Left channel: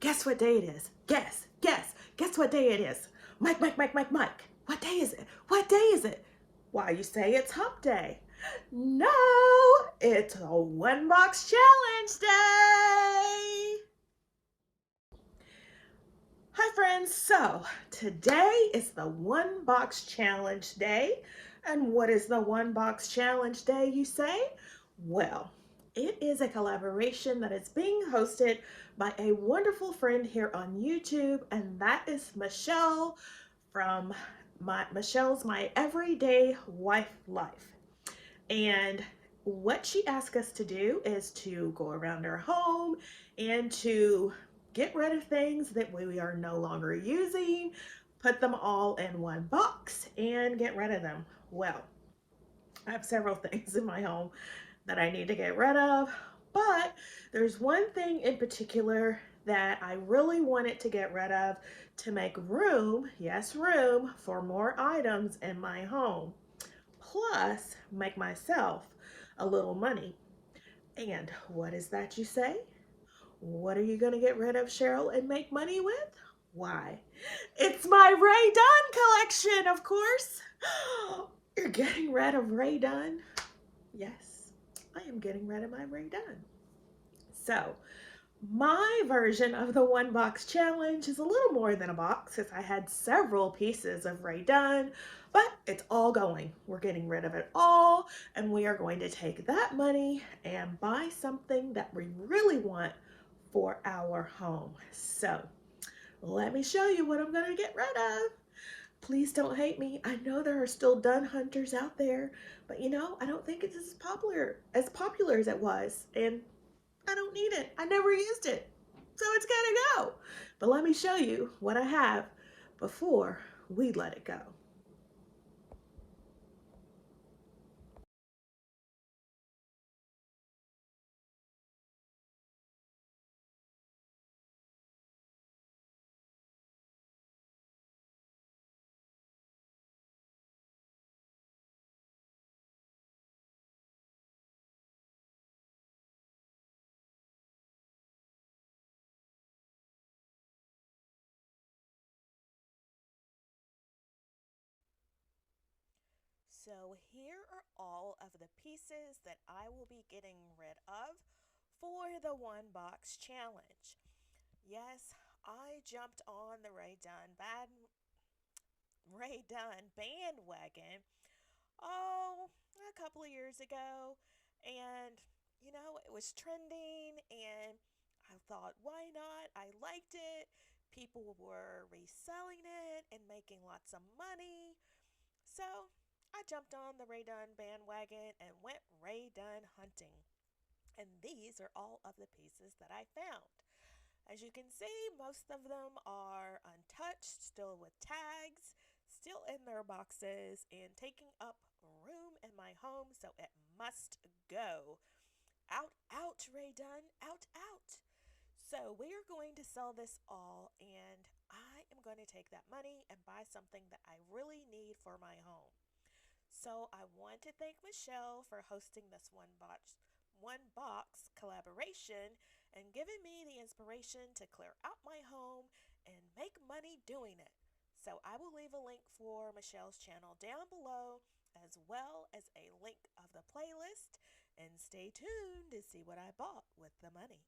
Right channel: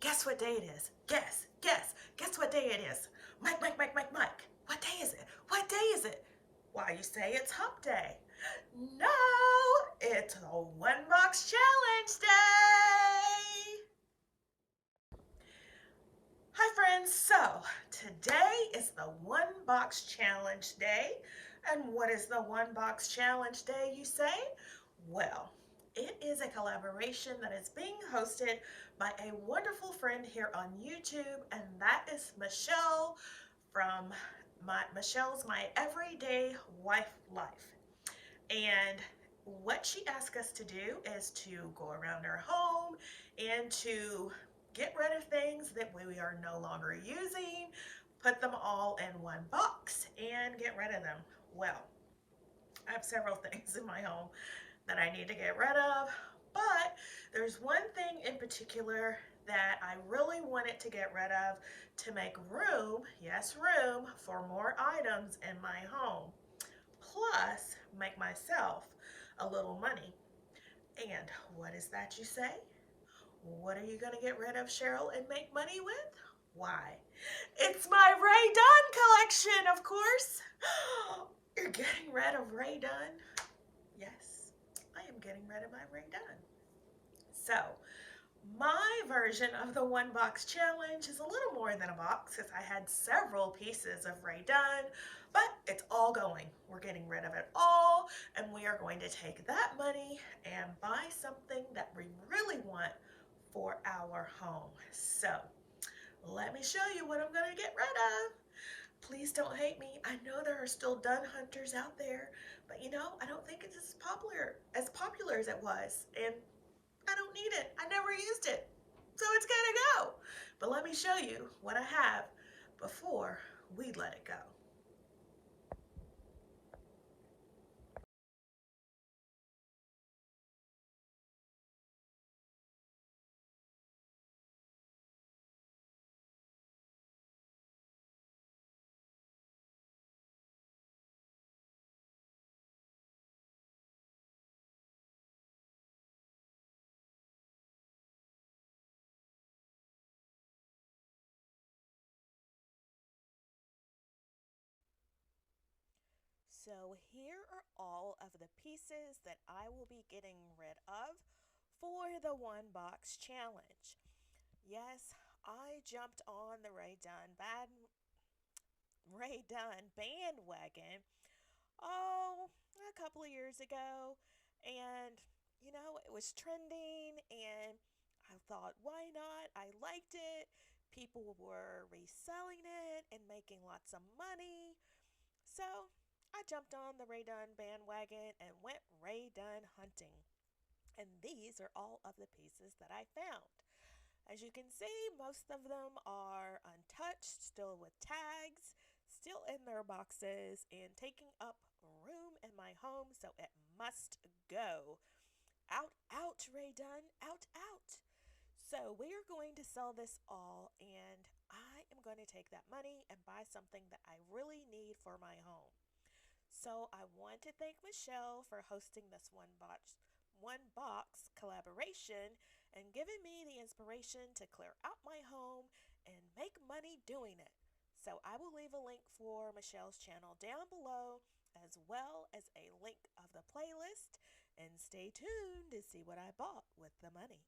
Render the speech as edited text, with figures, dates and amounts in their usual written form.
Guess what day it is? Guess what day it is? Mike. What day is it? What day is it? Why, you say it's hump day. No, it's a one box challenge day. Hi friends, so today is the one box challenge day. And what is the one box challenge day, you say? Well, it is a collaboration that is being hosted by a wonderful friend here on YouTube, and that is Michelle from Michelle's My Everyday Wife Life. And what she asked us to do is to go around our home and to get rid of things that we are no longer using, put them all in one box, and get rid of them. Well, I have several things in my home that I need to get rid of, but there's one thing in particular that I really wanted to get rid of to make room, yes, room, for more items in my home, plus make myself a little money. And what is that, you say? What are you going to get rid of, Sheryl, and make money with? Why, it's my Rae Dunn collection, of course. You're getting rid of Rae Dunn? Yes, I am getting rid of my Rae Dunn. So, my version of the one box challenge is a little more than a box because I had several pieces of Rae Dunn, but it's all going. We're getting rid of it all, and we are going to take that money and buy something that we really want for our home. So, let me show you what I'm going to get rid of. Please don't hate me. I know there are still Dunn hunters out there, but you know, I don't think it's as popular as it was, and I don't need it. I never used it. So it's gotta go. But let me show you what I have before we let it go. So here are all of the pieces that I will be getting rid of for the one box challenge. Yes, I jumped on the Rae Dunn bandwagon, oh, a couple of years ago, and it was trending, and I thought, why not? I liked it. People were reselling it and making lots of money. So I jumped on the Rae Dunn bandwagon and went Rae Dunn hunting. And these are all of the pieces that I found. As you can see, most of them are untouched, still with tags, still in their boxes, and taking up room in my home, so it must go. Out, out, Rae Dunn, out, out. So we are going to sell this all, and I am going to take that money and buy something that I really need for my home. So I want to thank Michelle for hosting this one box collaboration and giving me the inspiration to clear out my home and make money doing it. So I will leave a link for Michelle's channel down below, as well as a link of the playlist, and stay tuned to see what I bought with the money.